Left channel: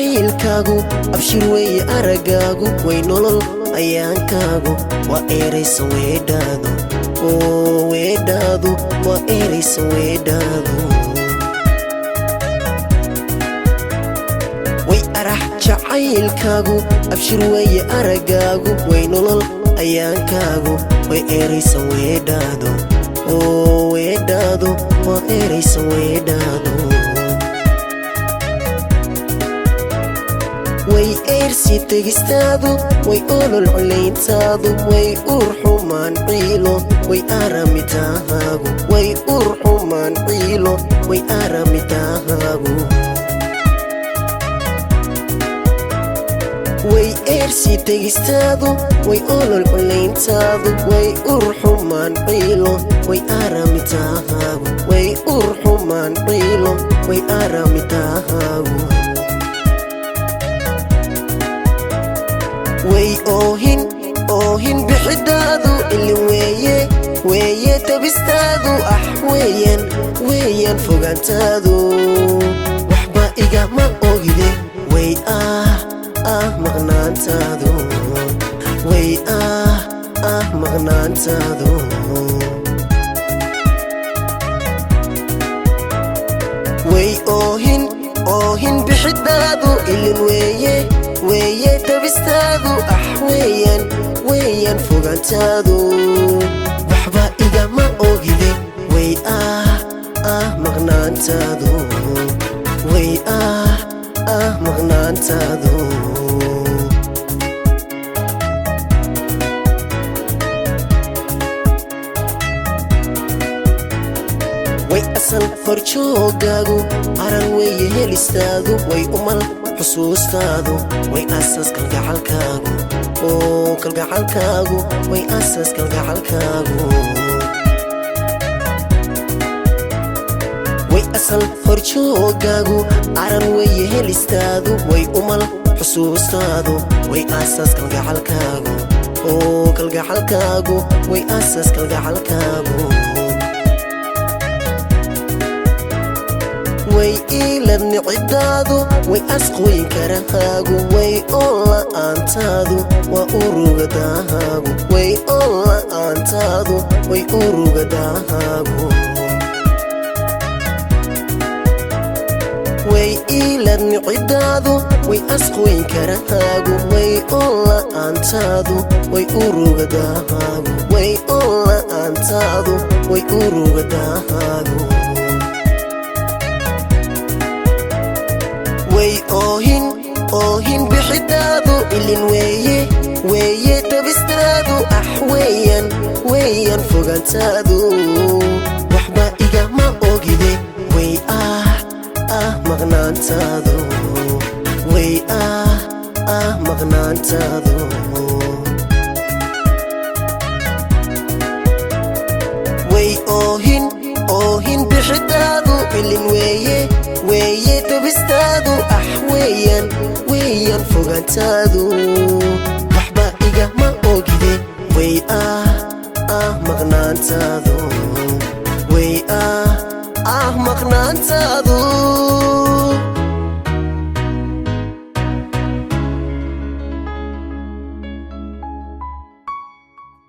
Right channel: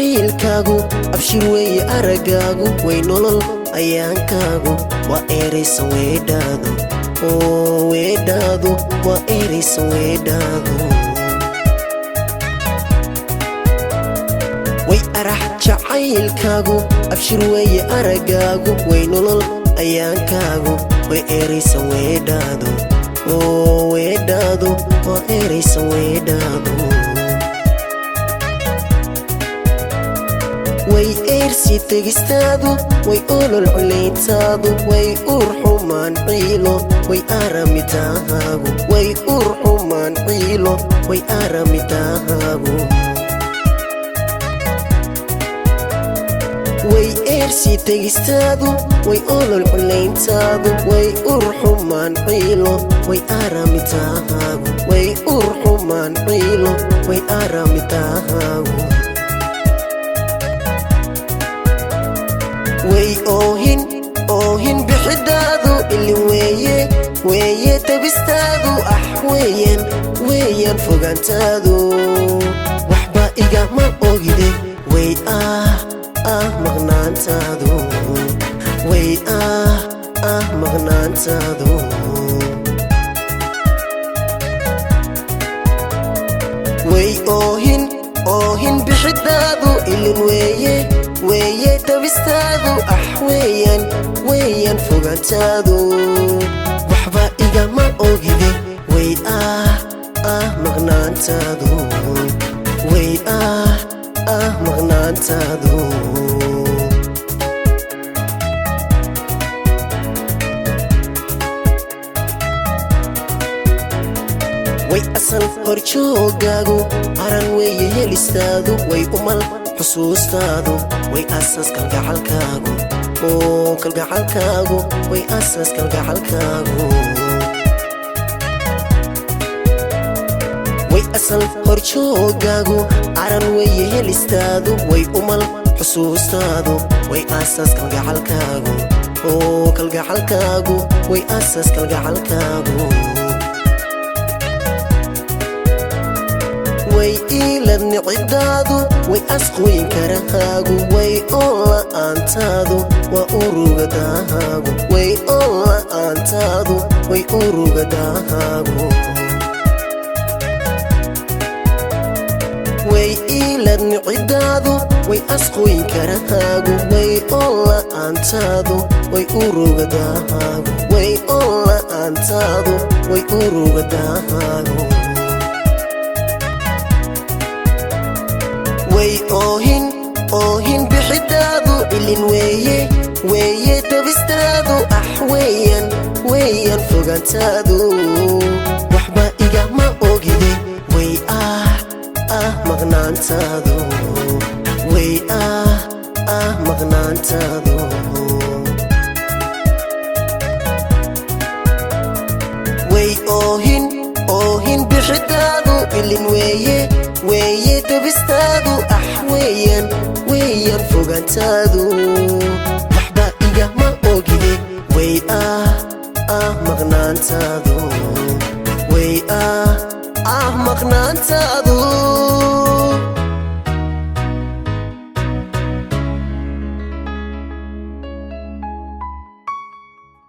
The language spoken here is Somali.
jacaylkaagu abshir weeye aragaagu way nolol ayaankaagu waa eraysa weedhaadu weedhaadu waa eraysa weedhaadu way arax jacaylkaagu abshir weeye aragaagu way nolol ayaankaagu way eraysa weedhaadu weedhaadu waa eraysa weedhaadu way eersi tegistaadu way olol culayntaadu way urxumaan ciilo way aramidahaagu way urxumaan ciilo way aramidahaagu way eersi tegistaadu way olol culayntaadu way urxumaan ciilo way aramidahaagu way urxumaan ciilo way aramidahaagu way oohin bixidaadu ilweeye weeye tabistaadu weeyaan fogaantaadu waxba igama ogide way maqnaantaadu way maqnaantaadu way oohin bixidaadu ilweeye weeye tabistaadu weeyaan fogaantaadu waxba igama ogide way maqnaantaadu way maqnaantaadu way asal horjoogaagu aran weeye helistaadu way umal xusuustaadu way asaas kalgacalkaagu kalgacalkaagu way asaas kalgacalkaagu way asal horjoogaagu aran weeye helistaadu way umal xusuustaadu way asaas kalgacalkaagu kalgacalkaagu way asaas kalgacalkaagu way iilad nicidaadu way asqweyn karahaagu way oola'aantaadu waa urugadahaagu way oola'aantaadu way urugadahaagu way iilad nicidaadu way asqweyn karahaagu way oola'aantaadu way urugadahaagu way oola'aantaadu way urugadahaagu way oohin bixidaadu ilin weeye tabistaadu weeyaan fogaantaadu waxba igama ogide way maqnaantaadu